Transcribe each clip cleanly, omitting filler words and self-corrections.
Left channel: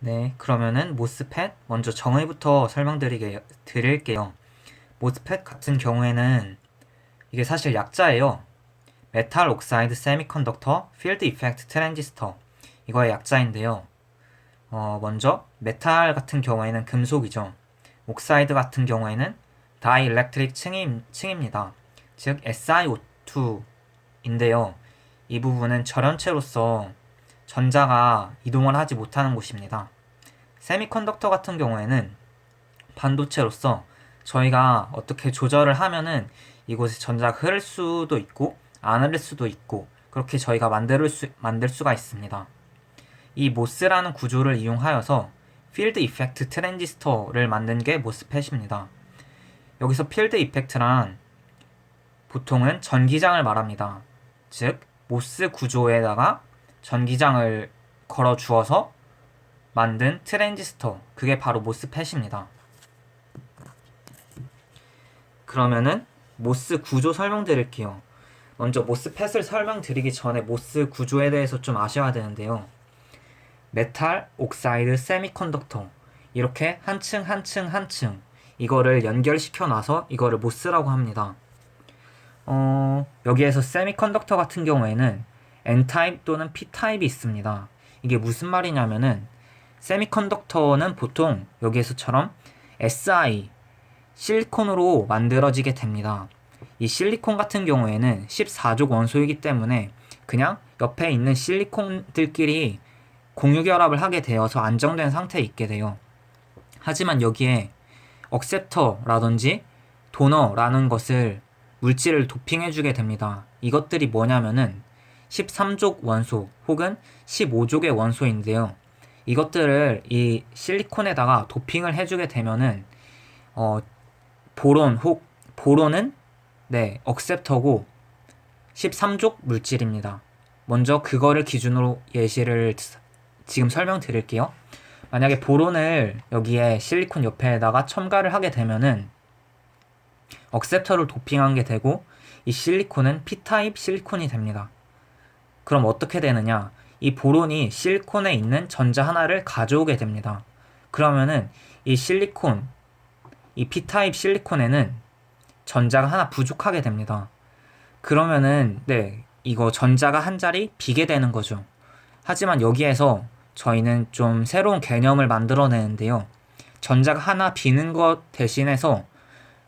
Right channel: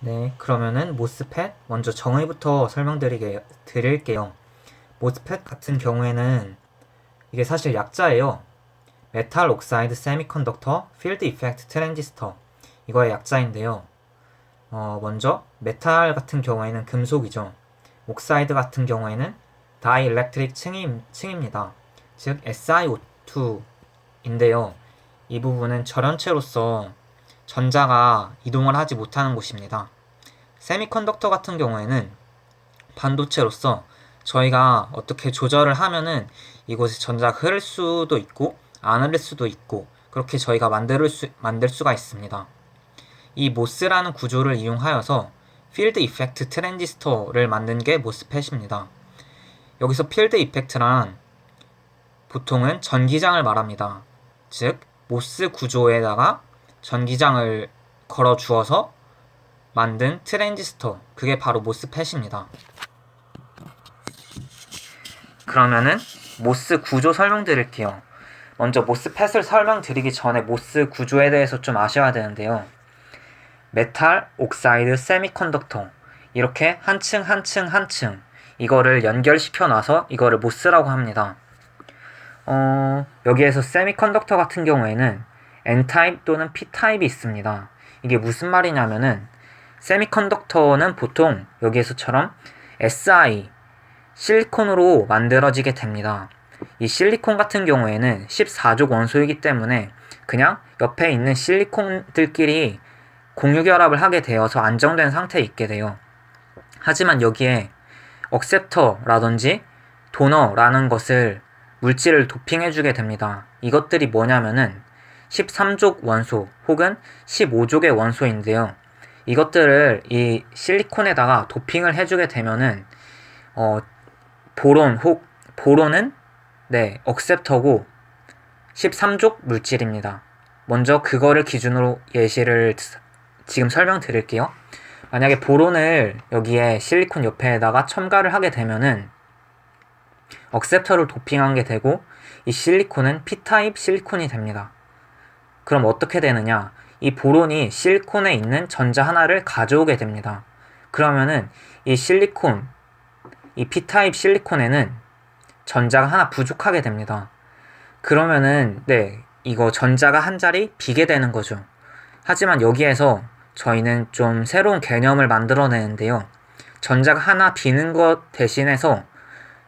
네, 그러면은 모스펫 먼저 정의부터 드릴게요. 모스펫 같은 경우에는 이게 사실 약자예요. 메탈 옥사이드 세미컨덕터 필드 이펙트 트랜지스터, 이거의 약자인데요. 먼저 메탈 같은 경우에는 금속이죠. 옥사이드 같은 경우에는 다이일렉트릭 층입니다. 즉 SiO2인데요. 이 부분은 절연체로서 전자가 이동을 하지 못하는 곳입니다. 세미컨덕터 같은 경우에는 반도체로서 저희가 어떻게 조절을 하면은 이곳에 전자가 흐를 수도 있고 안 흐를 수도 있고 그렇게 저희가 만들 수가 있습니다. 이 모스라는 구조를 이용하여서 필드 이펙트 트랜지스터를 만든 게 모스펫입니다. 여기서 필드 이펙트란 보통은 전기장을 말합니다. 즉 모스 구조에다가 전기장을 걸어 주어서 만든 트랜지스터, 그게 바로 모스펫입니다. 그러면은 모스 구조 설명드릴게요. 먼저 모스펫을 설명드리기 전에 모스 구조에 대해서 좀 아셔야 되는데요. 메탈, 옥사이드, 세미컨덕터, 이렇게 한 층 한 층 한 층 이거를 연결시켜 놔서 이거를 모스라고 합니다. 여기에서 세미컨덕터 같은 경우에는 N타입 또는 P타입이 있습니다. 이게 무슨 말이냐면은 세미컨덕터는 보통 여기에서처럼 Si, 실리콘으로 만들어지게 됩니다. 이 실리콘 같은 경우에는 14족 원소이기 때문에 그냥 옆에 있는 실리콘들끼리 공유결합을 하게 되어서 안정된 상태에 있게 돼요. 하지만 여기에 억셉터라든지 도너라는 것을 물질을 도핑해주게 됩니다. 이것들이 뭐냐면은 13족 원소 혹은 15족의 원소인데요. 이것들을 이 실리콘에다가 도핑을 해주게 되면은 보론은 억셉터고 13족 물질입니다. 먼저 그거를 기준으로 예시를 지금 설명드릴게요. 만약에 보론을 여기에 실리콘 옆에다가 첨가를 하게 되면은 억셉터를 도핑한 게 되고 이 실리콘은 P타입 실리콘이 됩니다. 그럼 어떻게 되느냐? 이 보론이 실리콘에 있는 전자 하나를 가져오게 됩니다. 그러면은 이 P타입 실리콘에는 전자가 하나 부족하게 됩니다. 그러면은 이거 전자가 한 자리 비게 되는 거죠. 하지만 여기에서 저희는 좀 새로운 개념을 만들어내는데요. 전자가 하나 비는 것 대신해서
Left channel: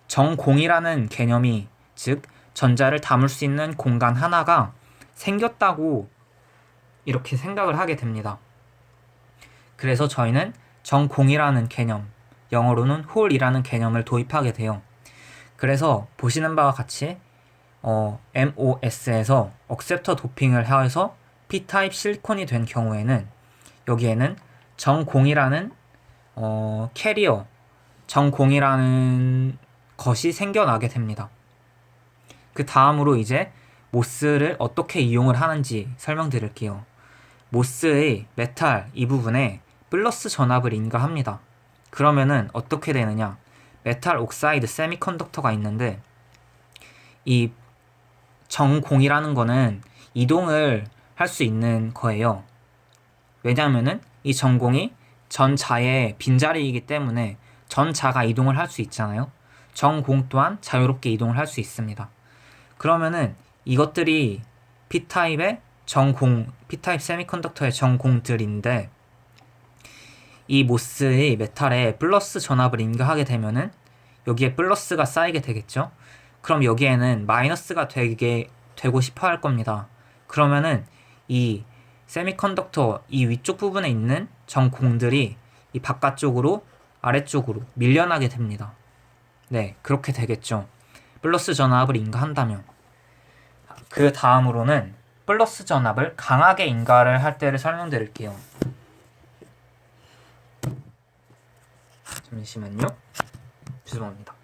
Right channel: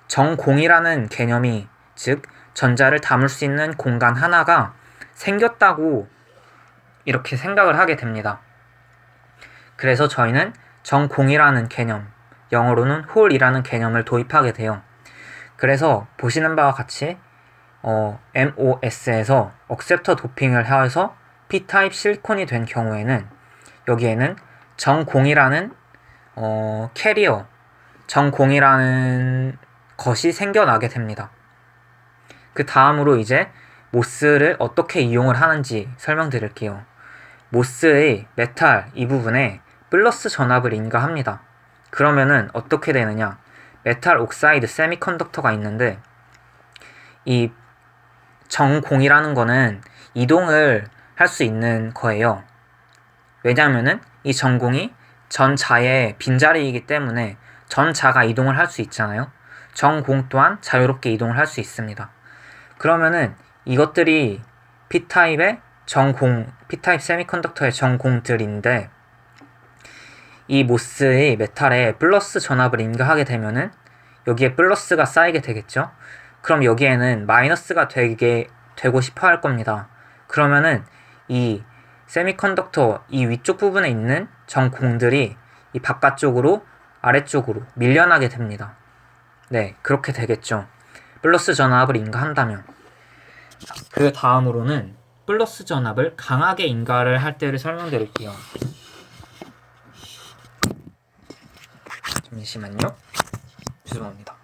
정공이라는 개념이, 즉 전자를 담을 수 있는 공간 하나가 생겼다고 이렇게 생각을 하게 됩니다. 그래서 저희는 정공이라는 개념, 영어로는 홀이라는 개념을 도입하게 돼요. 그래서 보시는 바와 같이 MOS에서 억셉터 도핑을 해서 P타입 실리콘이 된 경우에는 여기에는 정공이라는 캐리어, 정공이라는 것이 생겨나게 됩니다. 그 다음으로 이제 모스를 어떻게 이용을 하는지 설명드릴게요. 모스의 메탈 이 부분에 플러스 전압을 인가합니다. 그러면은 어떻게 되느냐? 메탈 옥사이드 세미컨덕터가 있는데 이 정공이라는 거는 이동을 할 수 있는 거예요. 왜냐하면은 이 정공이 전자의 빈자리이기 때문에 전자가 이동을 할 수 있잖아요. 정공 또한 자유롭게 이동을 할 수 있습니다. 그러면은 이것들이 P타입의 P타입 세미컨덕터의 정공들인데 이 모스의 메탈에 플러스 전압을 인가하게 되면은 여기에 플러스가 쌓이게 되겠죠. 그럼 여기에는 마이너스가 되고 싶어 할 겁니다. 그러면은 이 세미컨덕터 이 위쪽 부분에 있는 정공들이 이 바깥쪽으로 아래쪽으로 밀려나게 됩니다. 그렇게 되겠죠. 플러스 전압을 인가한다면. 그 다음으로는 플러스 전압을 강하게 인가를 할 때를 설명드릴게요. 잠시만요. 죄송합니다.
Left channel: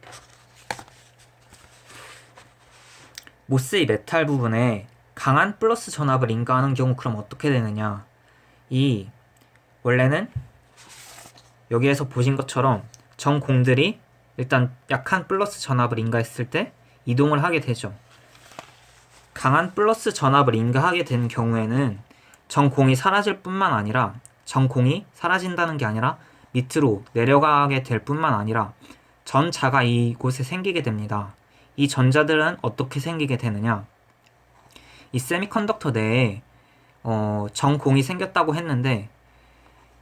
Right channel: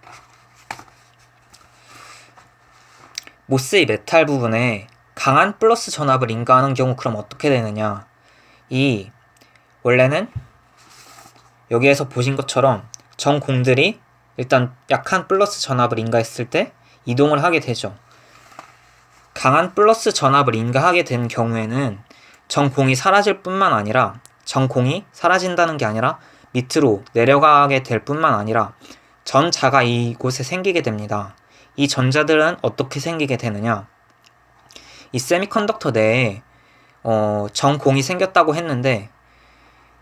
모스의 메탈 부분에 강한 플러스 전압을 인가하는 경우 그럼 어떻게 되느냐? 원래는 여기에서 보신 것처럼 정공들이 일단 약한 플러스 전압을 인가했을 때 이동을 하게 되죠. 강한 플러스 전압을 인가하게 된 경우에는 정공이 사라질 뿐만 아니라 전공이 사라진다는 게 아니라 밑으로 내려가게 될 뿐만 아니라 전자가 이곳에 생기게 됩니다. 이 전자들은 어떻게 생기게 되느냐? 이 세미컨덕터 내에 전공이 생겼다고 했는데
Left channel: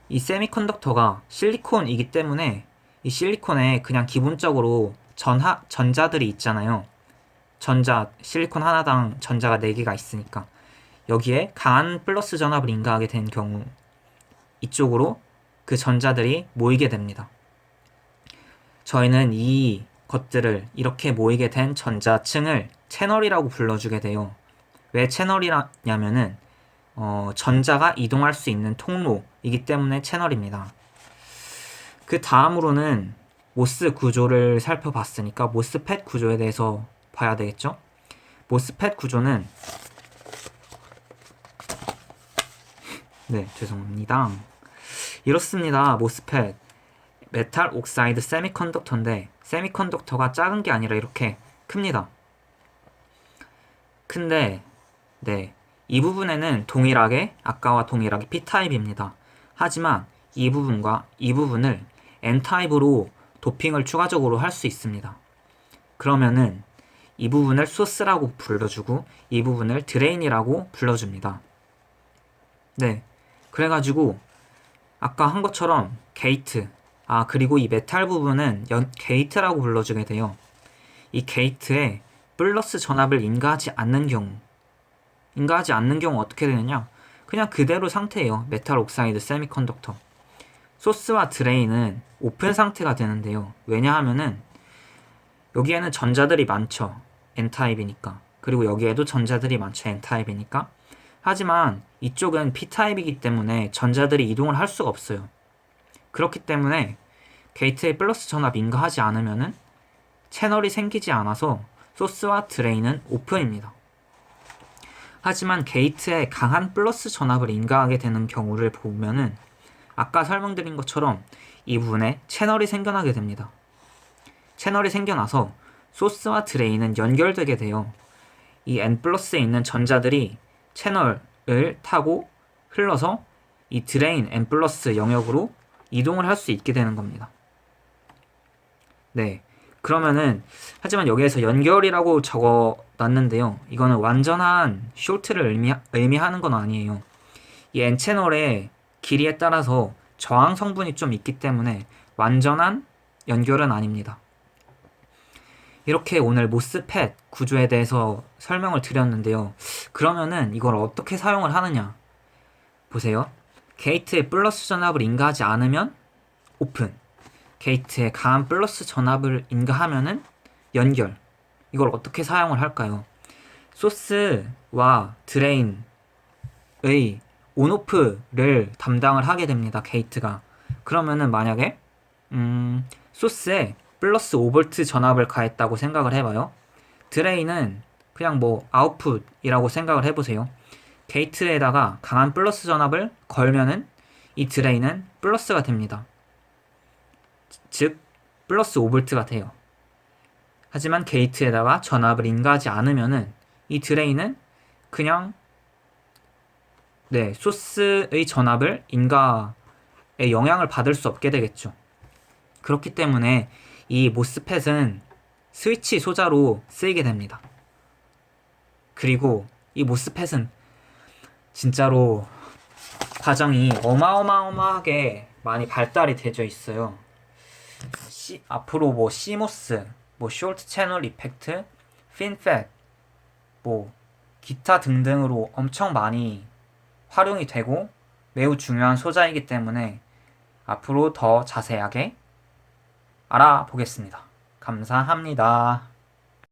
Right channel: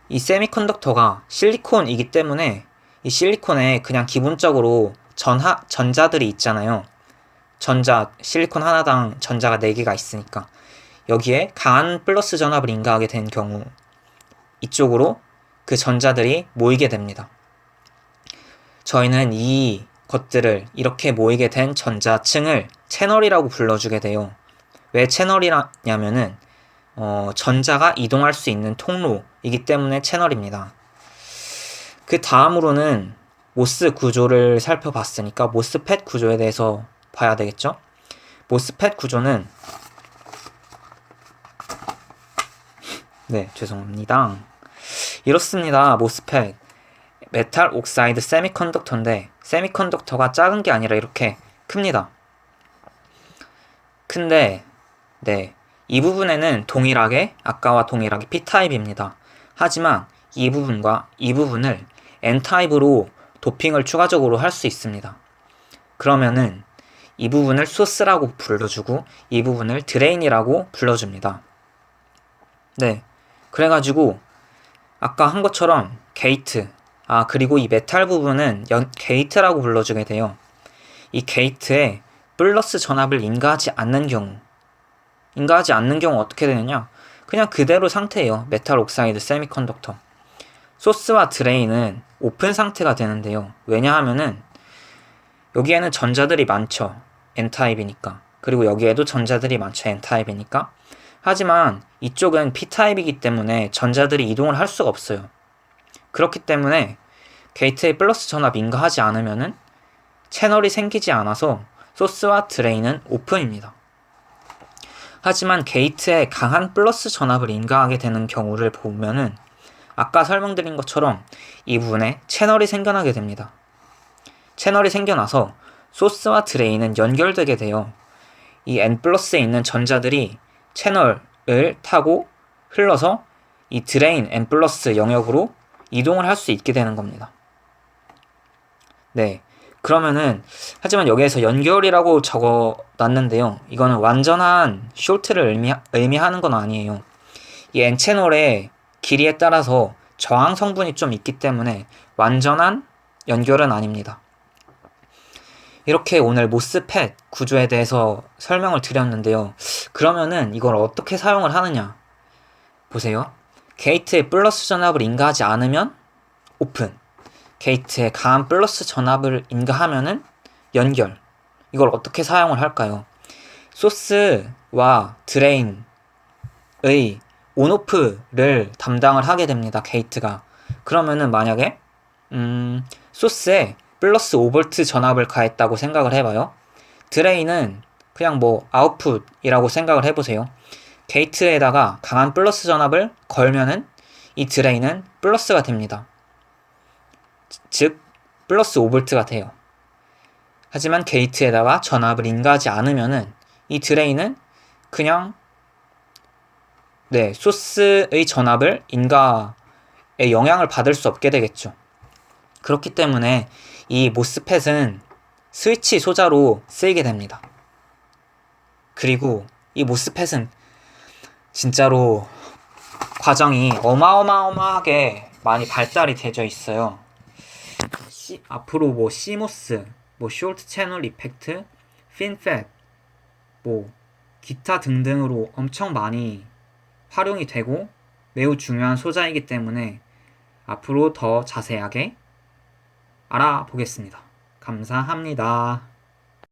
이 세미컨덕터가 실리콘이기 때문에 이 실리콘에 그냥 기본적으로 전자들이 있잖아요. 실리콘 하나당 전자가 4개가 있으니까 여기에 강한 플러스 전압을 인가하게 된 경우 이쪽으로 그 전자들이 모이게 됩니다. 저희는 이 것들을 이렇게 모이게 된 전자층을 채널이라고 불러주게 돼요. 왜 채널이냐면은 전자가 이동할 수 있는 통로이기 때문에 채널입니다. 그 다음으로는 모스 구조를 살펴봤으니까 모스펫 구조에 대해서 봐야 되겠죠? 모스펫 구조는 죄송합니다. 이렇습니다. 모스펫 메탈 옥사이드 세미컨덕터인데 세미컨덕터가 작은 게 아니라 이렇게 큽니다. 근데 이 부분에는 아까와 동일하게 P타입입니다. 하지만 이 부분과 이 부분을 N타입으로 도핑을 추가적으로 할 수 있습니다. 그러면은 이 부분을 소스라고 불러주고 이 부분을 드레인이라고 불러줍니다. 그래가지고 아까 한 것처럼 게이트, 그리고 이 메탈 부분은 게이트라고 불러주게 돼요. 이 게이트에 플러스 전압을 인가하지 않는 경우 어떻게 되느냐? 그냥 그대로 상태예요. 메탈 옥사이드 세미컨덕터. 소스와 드레인은 오픈 상태가 되는데요. 왜냐하면은 여기에는 전자들이 많죠. N타입이니까. 그리고 여기에도 전자들이 많죠. N타입이니까. 하지만 이쪽은 P타입이기 때문에 전자들이 이동을 할 수가 없어요. 그렇기 때문에 게이트에 플러스 전압 인가하지 않으면은 채널이 생기지 않아서 소스와 드레인은 오픈입니다. 하지만 게이트에 강한 플러스 전압을 인가하게 되는 경우를 보면은 아까 설명드린 것처럼 이 부분에 채널이 생겨나게 됩니다. 채널이 생겨나서 소스와 드레인은 연결되게 돼요. 이 N+에 있는 전자들이 채널을 타고 흘러서 이 드레인 N+ 영역으로 이동을 할 수 있게 되는 겁니다. 그러면은 하지만 여기에서 연결이라고 적어놨는데요. 이거는 완전한 숄트를 의미하는 건 아니에요. 이 N채널의 길이에 따라서 저항 성분이 좀 있기 때문에 완전한 연결은 아닙니다. 이렇게 오늘 모스펫 구조에 대해서 설명을 드렸는데요. 그러면은 이걸 어떻게 사용을 하느냐? 보세요. 게이트에 플러스 전압을 인가하지 않으면 오픈. 게이트에 강한 플러스 전압을 인가하면은 연결. 이걸 어떻게 사용을 할까요? 소스와 드레인의 온오프를 담당을 하게 됩니다. 게이트가. 그러면은 만약에 소스에 플러스 5V 전압을 가했다고 생각을 해봐요. 드레인은 그냥 아웃풋이라고 생각을 해보세요. 게이트에다가 강한 플러스 전압을 걸면은 이 드레인은 플러스가 됩니다. 즉 플러스 5V가 돼요. 하지만 게이트에다가 전압을 인가하지 않으면은 이 드레인은 그냥 소스의 전압을 인가에 영향을 받을 수 없게 되겠죠. 그렇기 때문에 이 모스펫은 스위치 소자로 쓰이게 됩니다. 그리고 이 모스펫은 진짜로 과정이 어마어마하게 많이 발달이 되어 있어요. 앞으로 CMOS, 숄트 채널 이펙트, 핀팻, 기타 등등으로 엄청 많이 활용이 되고 매우 중요한 소자이기 때문에 앞으로 더 자세하게 알아보겠습니다. 감사합니다.